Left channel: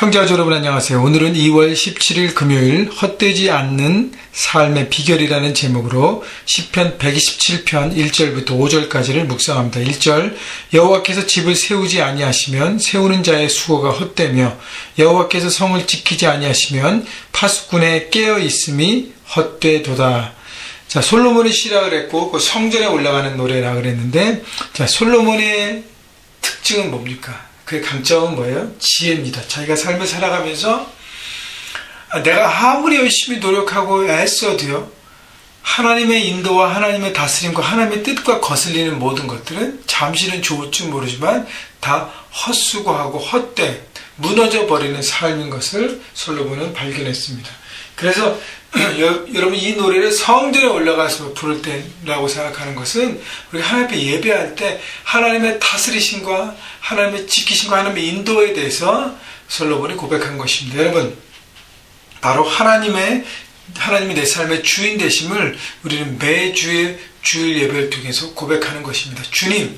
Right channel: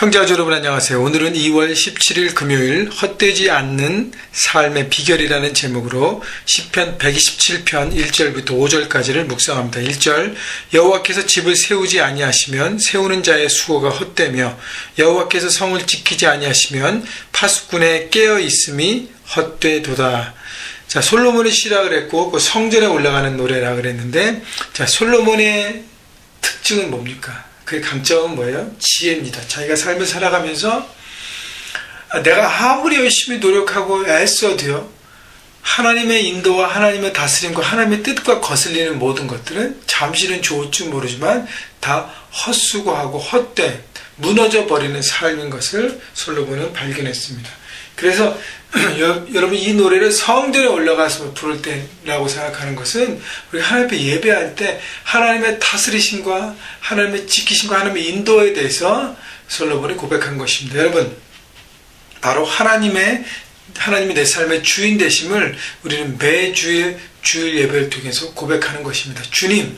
형제자매 여러분 안녕하세요. 오늘은 2월 17일 금요일 헛되지 않는 삶의 비결이라는 제목으로 시편 127편 1절부터 5절까지를 묵상합니다. 1절 여호와께서 집을 세우지 아니하시면 세우는 자의 수고가 헛되며 여호와께서 성을 지키지 아니하시면 파수꾼의 깨어있음이 헛되도다. 자, 솔로몬이 시락을 했고 그 성전에 올라가는 노래라 그랬는데, 자, 솔로몬의 특징은 뭡니까? 그 강점은 뭐예요? 지혜입니다. 자기가 삶을 살아가면서 내가 아무리 열심히 노력하고 애써도요, 하나님의 인도와 하나님의 다스림과 하나님의 뜻과 거슬리는 모든 것들은 잠시는 좋을지 모르지만 다 헛수고하고 헛된 무너져 버리는 삶인 것을 솔로몬은 발견했습니다. 그래서 여러분 이 노래를 성전에 올라가서 부를 때라고 생각하는 것은 우리가 하나님 앞에 예배할 때 하나님의 다스리심과 하나님의 지키심과 하나님의 인도에 대해서 솔로몬이 고백한 것입니다. 여러분, 바로 하나님이 내 삶의 주인 되심을 우리는 매주의 주일 예배를 통해서 고백하는 것입니다. 주님,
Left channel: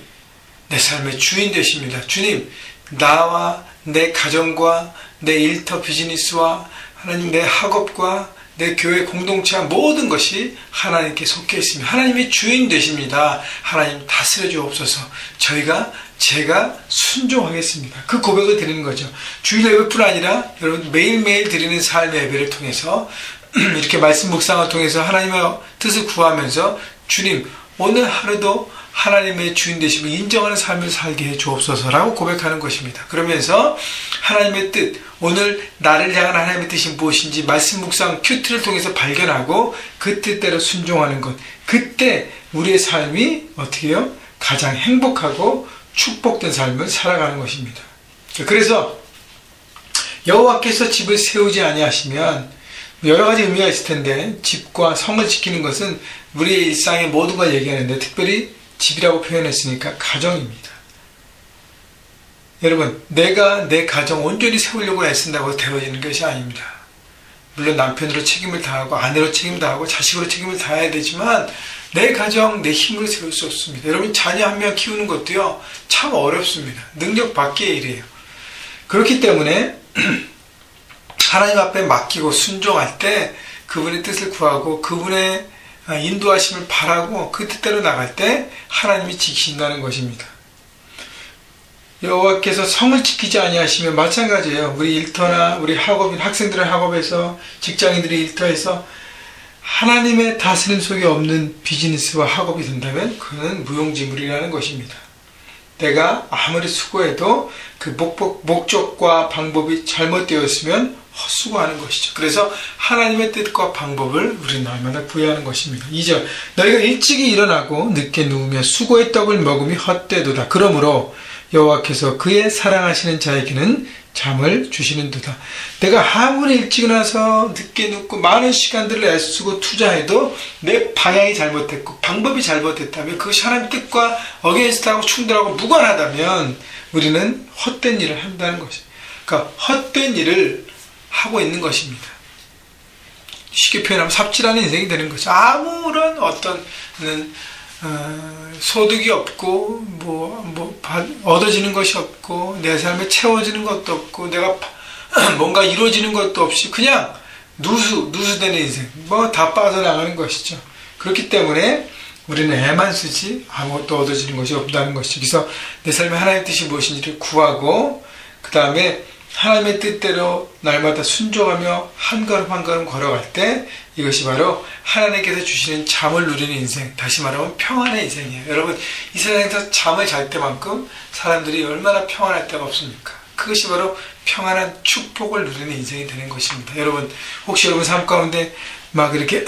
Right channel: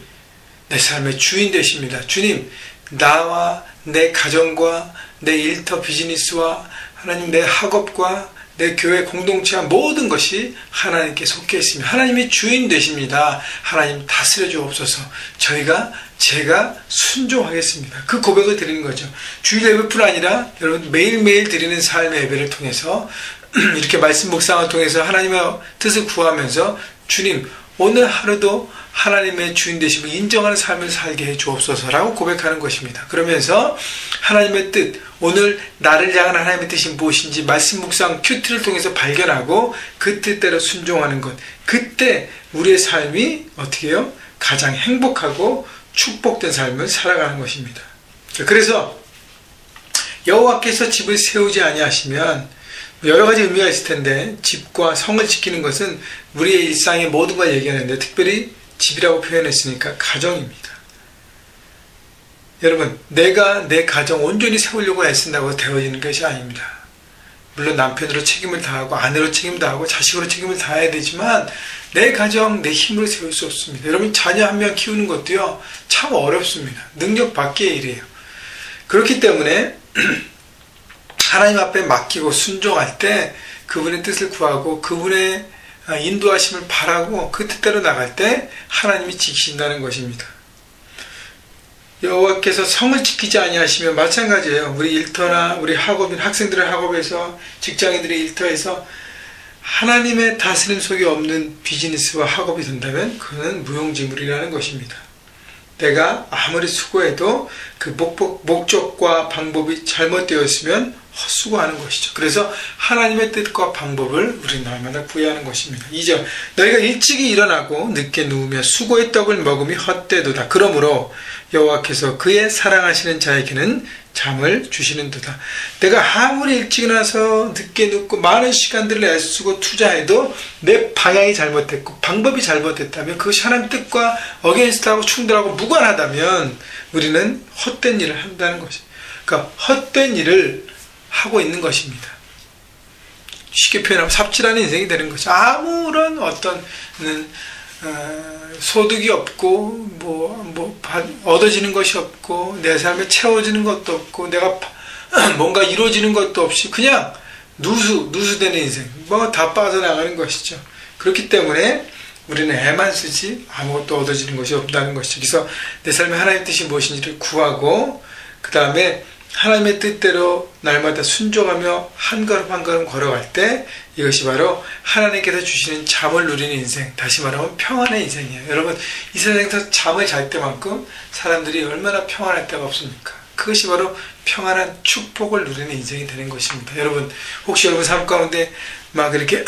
내 삶의 주인 되십니다. 주님, 나와 내 가정과 내 일터 비즈니스와 하나님 내 학업과 내 교회 공동체와 모든 것이 하나님께 속해 있습니다. 하나님이 주인 되십니다. 하나님 다스려 주옵소서. 제가 순종하겠습니다. 그 고백을 드리는 거죠. 주일 예배뿐 아니라 여러분 매일매일 드리는 삶의 예배를 통해서 이렇게 말씀 묵상을 통해서 하나님의 뜻을 구하면서 주님, 오늘 하루도 하나님의 주인 되심을 인정하는 삶을 살게 해 주옵소서라고 고백하는 것입니다. 그러면서 하나님의 뜻, 오늘 나를 향한 하나님의 뜻이 무엇인지 말씀 묵상 큐티를 통해서 발견하고 그 뜻대로 순종하는 것, 그때 우리의 삶이 어떻게 해요? 가장 행복하고 축복된 삶을 살아가는 것입니다. 그래서 여호와께서 집을 세우지 아니하시면 여러 가지 의미가 있을 텐데, 집과 성을 지키는 것은 우리의 일상의 모든 걸 얘기하는데 특별히 집이라고 표현했으니까 가정입니다. 여러분, 내가 내 가정 온전히 세우려고 애쓴다고 되어지는 것이 아닙니다. 물론 남편으로 책임을 다하고 아내로 책임을 다하고 자식으로 책임을 다해야 되지만 내 가정, 내 힘으로 세울 수 없습니다. 여러분, 자녀 한 명 키우는 것도요, 참 어렵습니다. 능력 밖의 일이에요. 그렇기 때문에 하나님 앞에 맡기고 순종할 때 그분의 뜻을 구하고 그분의 인도하심을 바라고 그 뜻대로 나갈 때 하나님이 지키신다는 것입니다. 여호와께서 성을 지키지 아니하시면 마찬가지예요. 우리 일터나 우리 학업인 학생들의 학업에서, 직장인들의 일터에서 하나님의 다스림 속에 없는 비즈니스와 학업이 된다면 그는 무용지물이라는 것입니다. 내가 아무리 수고해도 그 목적과 방법이 잘못되었으면 헛수고하는 것이죠. 그래서 하나님의 뜻과 방법을 우리는 날마다 구해하는 것입니다. 2절 너희가 일찍이 일어나고 늦게 누우며 수고의 떡을 먹음이 헛되도다. 그러므로 여호와께서 그의 사랑하시는 자에게는 잠을 주시는도다. 내가 아무리 일찍 일어나서 늦게 눕고 많은 시간들을 애쓰고 투자해도 내 방향이 잘못됐고 방법이 잘못됐다면 그것이 하나님 뜻과 어게인스트하고 충돌하고 무관하다면 우리는 헛된 일을 한다는 것입니다. 그러니까 헛된 일을 하고 있는 것입니다. 쉽게 표현하면 삽질하는 인생이 되는 거죠. 아무런 어떤 소득이 없고 얻어지는 것이 없고 내 삶에 채워지는 것도 없고 내가 뭔가 이루어지는 것도 없이 그냥 누수되는 인생, 다 빠져나가는 것이죠. 그렇기 때문에 우리는 애만 쓰지 아무것도 얻어지는 것이 없다는 것이죠. 그래서 내 삶에 하나님의 뜻이 무엇인지를 구하고 그 다음에 하나님의 뜻대로 날마다 순종하며 한 걸음 한 걸음 걸어갈 때 이것이 바로 하나님께서 주시는 잠을 누리는 인생, 다시 말하면 평안의 인생이에요. 여러분, 이 세상에서 잠을 잘 때만큼 사람들이 얼마나 평안할 때가 없습니까? 그것이 바로 평안한 축복을 누리는 인생이 되는 것입니다. 여러분, 혹시 여러분 삶 가운데 막 이렇게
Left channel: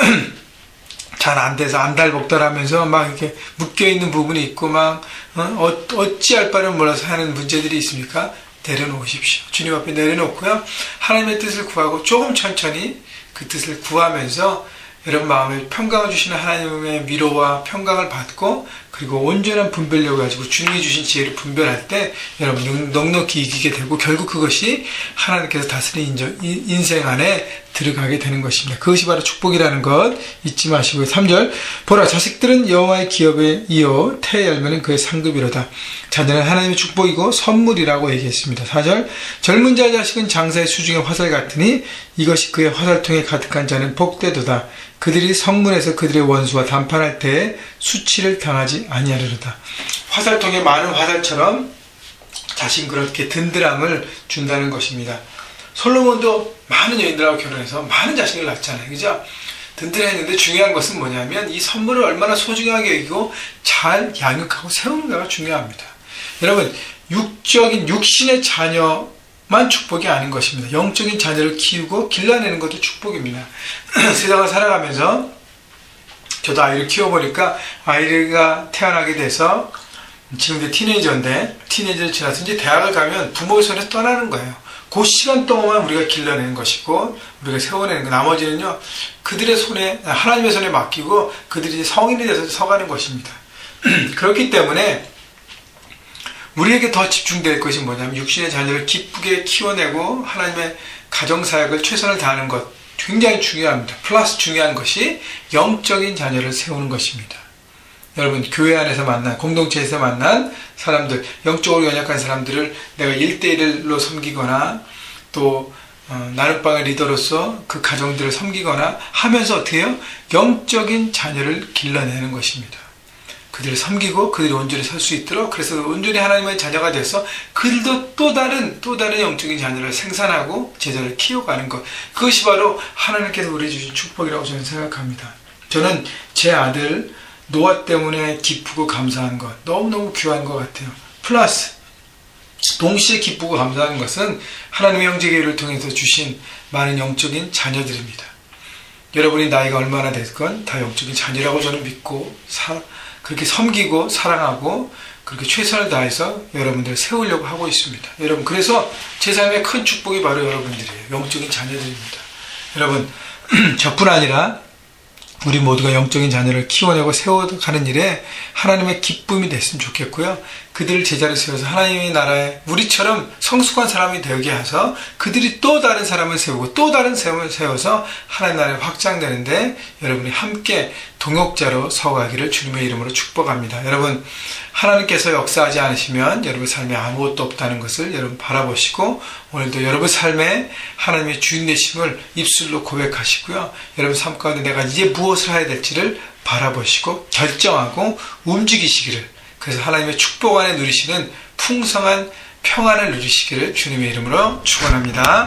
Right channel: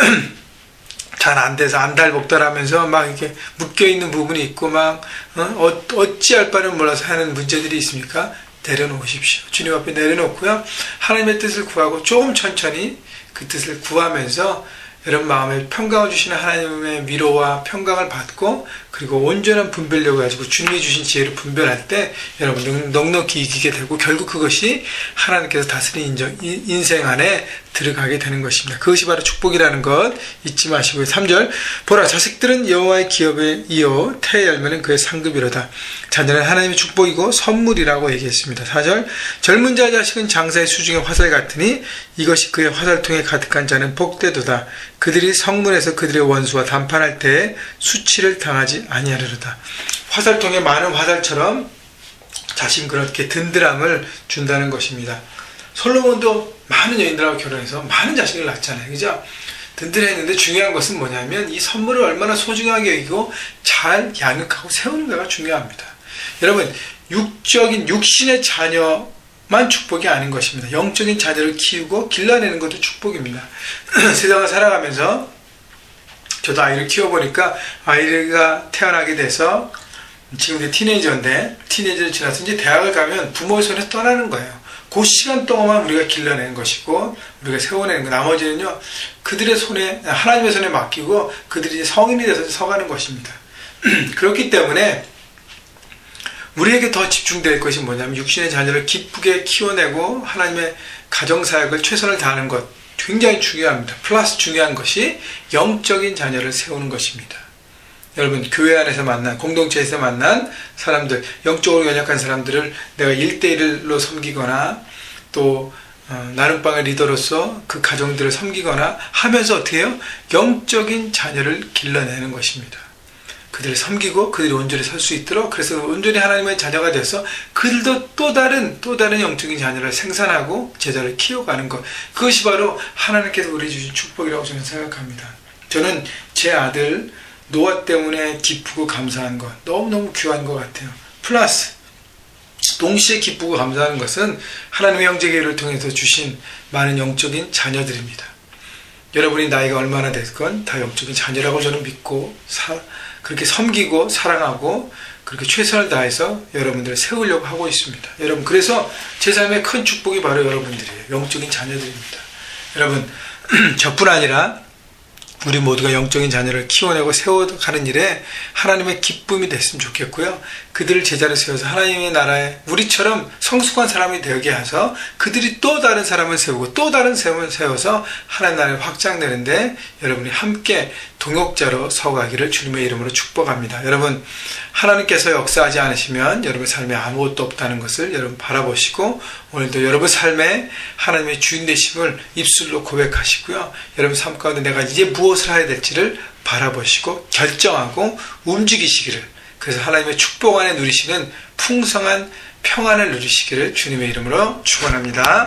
잘 안 돼서 안달복달하면서 막 이렇게 묶여있는 부분이 있고 어찌할 바를 몰라서 하는 문제들이 있습니까? 내려놓으십시오. 주님 앞에 내려놓고요, 하나님의 뜻을 구하고 조금 천천히 그 뜻을 구하면서 여러분 마음에 평강을 주시는 하나님의 위로와 평강을 받고 그리고 온전한 분별력을 가지고 주님이 주신 지혜를 분별할 때 여러분 넉넉히 이기게 되고 결국 그것이 하나님께서 다스리는 인생 안에 들어가게 되는 것입니다. 그것이 바로 축복이라는 것 잊지 마시고요. 3절 보라 자식들은 여호와의 기업에 이어 태의 열매는 그의 상급이로다. 자녀는 하나님의 축복이고 선물이라고 얘기했습니다. 4절 젊은 자의 자식은 장사의 수중의 화살 같으니 이것이 그의 화살통에 가득한 자는 복되도다. 그들이 성문에서 그들의 원수와 담판할 때에 수치를 당하지 아니하리로다. 화살통에 많은 화살처럼 자신 그렇게 든든함을 준다는 것입니다. 솔로몬도 많은 여인들하고 결혼해서 많은 자식을 낳잖아요. 그죠? 든든했는데 중요한 것은 뭐냐면 이 선물을 얼마나 소중하게 여기고 잘 양육하고 세우는가가 중요합니다. 여러분 육적인 육신의 자녀만 축복이 아닌 것입니다. 영적인 자녀를 키우고 길러내는 것도 축복입니다. 세상을 살아가면서 저도 아이를 키워보니까 아이가 태어나게 돼서 지금 티네이저인데 티네이저를 지나서 이제 대학을 가면 부모의 손에 떠나는 거예요. 그 시간 동안만 우리가 길러내는 것이고 우리가 세워내는 거 나머지는요 그들의 손에 하나님의 손에 맡기고 그들이 성인이 돼서 서가는 것입니다. 그렇기 때문에 우리에게 더 집중될 것이 뭐냐면 육신의 자녀를 기쁘게 키워내고 하나님의 가정사역을 최선을 다하는 것 굉장히 중요합니다. 플러스 중요한 것이 영적인 자녀를 세우는 것입니다. 여러분 교회 안에서 만난 공동체에서 만난 사람들 영적으로 연약한 사람들을 내가 1대1로 섬기거나 또 나눔방의 리더로서 그 가정들을 섬기거나 하면서 어떻게 해요? 영적인 자녀를 길러내는 것입니다. 그들을 섬기고 그들이 온전히 설 수 있도록 그래서 온전히 하나님의 자녀가 돼서 그들도 또 다른 영적인 자녀를 생산하고 제자를 키워가는 것 그것이 바로 하나님께서 우리 주신 축복이라고 저는 생각합니다. 저는 제 아들 노아 때문에 기쁘고 감사한 것 너무너무 귀한 것 같아요. 플러스 동시에 기쁘고 감사한 것은 하나님의 형제교회를 통해서 주신 많은 영적인 자녀들입니다. 여러분이 나이가 얼마나 됐건 다 영적인 자녀라고 저는 믿고 그렇게 섬기고 사랑하고 그렇게 최선을 다해서 여러분들을 세우려고 하고 있습니다. 여러분 그래서 제 삶의 큰 축복이 바로 여러분들이에요. 영적인 자녀들입니다. 여러분 저뿐 아니라 우리 모두가 영적인 자녀를 키워내고 세워가는 일에 하나님의 기쁨이 됐으면 좋겠고요. 그들을 제자로 세워서 하나님의 나라에 우리처럼 성숙한 사람이 되게 해서 그들이 또 다른 사람을 세우고 또 다른 사람을 세워서 하나님 나라에 확장되는데 여러분이 함께 동역자로 서가기를 주님의 이름으로 축복합니다. 여러분 하나님께서 역사하지 않으시면 여러분 삶에 아무것도 없다는 것을 여러분 바라보시고 오늘도 여러분 삶에 하나님의 주인 되심을 입술로 고백하시고요. 여러분 삶 가운데 내가 이제 무엇을 해야 될지를 바라보시고 결정하고 움직이시기를 그래서 하나님의 축복 안에 누리시는 풍성한 평안을 누리시기를 주님의 이름으로 축원합니다.